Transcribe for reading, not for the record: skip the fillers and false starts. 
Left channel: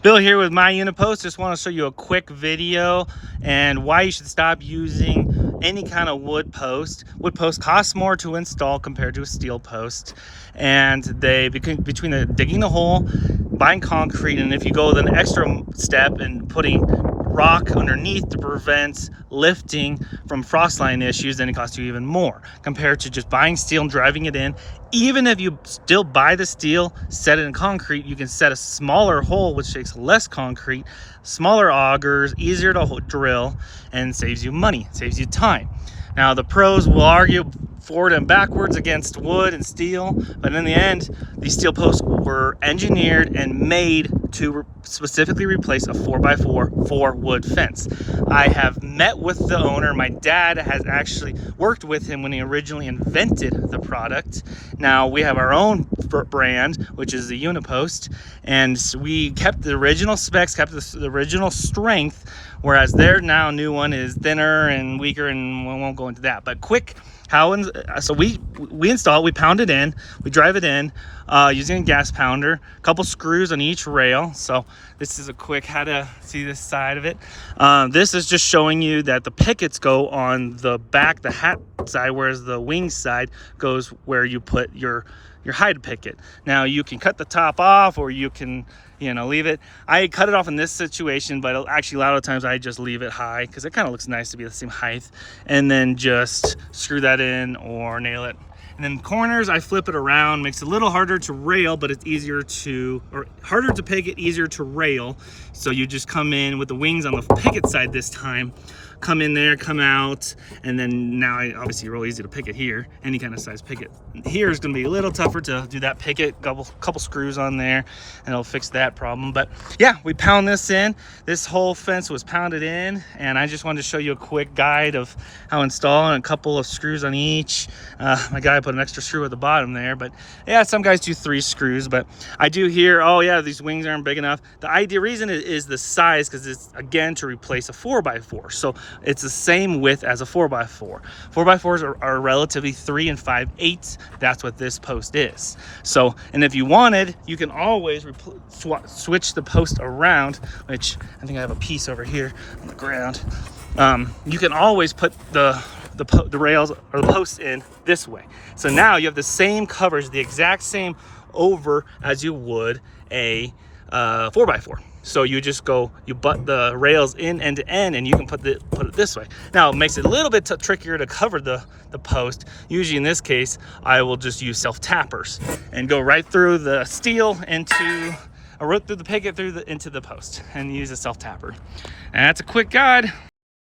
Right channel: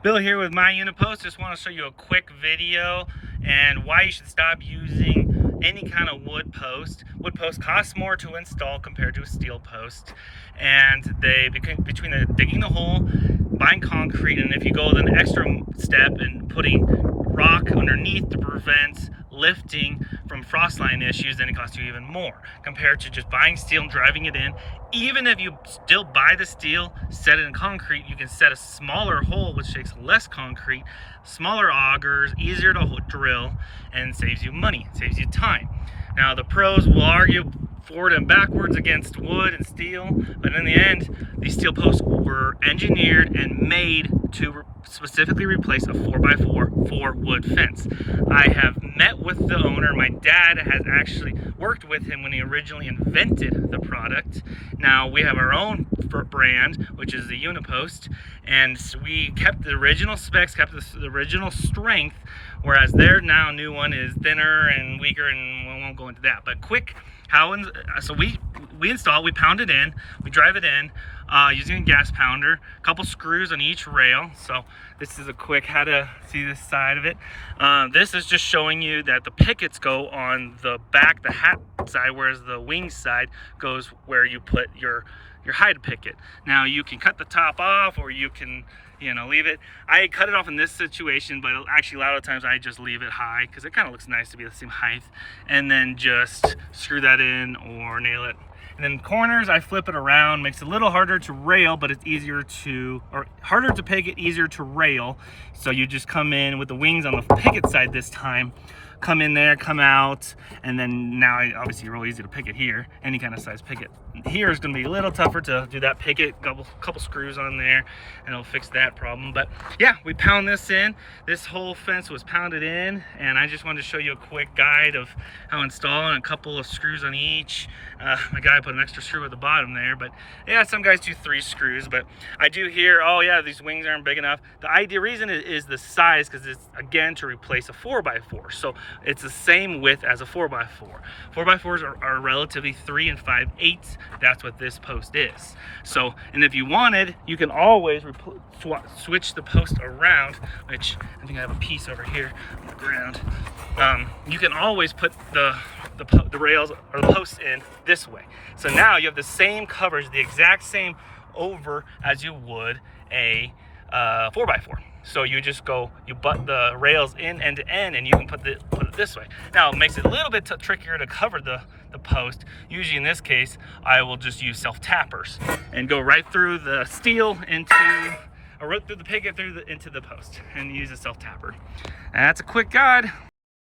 Bill here with my UniPost. Just want to show you a quick video and why you should stop using any kind of wood post. Wood post costs more to install compared to a steel post, and they between digging the hole, buying concrete, and if you go an extra step and putting rock underneath to prevent lifting from frost line issues, then it costs you even more compared to just buying steel and driving it in. Even if you still buy the steel, set it in concrete, you can set a smaller hole which takes less concrete, smaller augers, easier to drill, and saves you money, saves you time. Now the pros will argue forward and backwards against wood and steel, but in the end, these steel posts were engineered and made to specifically replace a 4x4 4-wood fence. I have met with the owner. My dad has actually worked with him when he originally invented the product. Now we have our own brand, which is the UniPost, and we kept the original specs, kept the original strength, whereas their now new one is thinner and weaker, and we won't go into that. But quick, so we install it, we pound it in, we drive it in using a gas pounder, a couple screws on each rail. So this is a quick how to see this side of it. This is just showing you that the pickets go on the back, the hat side, whereas the wing side goes where you put your hide picket. Now you can cut the top off, or you can, leave it. I cut it off in this situation, but actually a lot of times I just leave it high because it kind of looks nice to be the same height, and then just screw that in or nail it. And then corners, I flip it around, makes it a little harder to rail, but it's harder to picket, easier to rail. So you just come in with the wings on the picket side this time, come in there, come out, and then now obviously real easy to picket here, any kind of size picket. Here is going to be a little tougher to do that picket, couple screws on there, and it'll fix that problem. But yeah, we pound this in. This whole fence was pounded in, and I just wanted to show you a quick guide of how to install, and a couple of screws on each. My guy put an extra screw at the bottom there, but yeah, some guys do 3 screws, but I do hear, oh yeah, these wings aren't big enough. The reason is the size, because it's again to replace a 4x4. So it's the same width as a 4x4. 4x4s are relatively 3 5/8. That's what this post is. So, and if you wanted, you can always switch the post around, which I think I have a piece over here on the ground. You can always put the rails or the posts in this way. So now you have the same coverage, the exact same over as you would a 4x4. So you just you butt the rails in end to end, and you can put it this way. Now it makes it a little bit trickier to cover the post. Usually in this case, I will just use self-tappers and go right through the steel right through the picket into the post, and use a self-tapper. And that's a quick guide.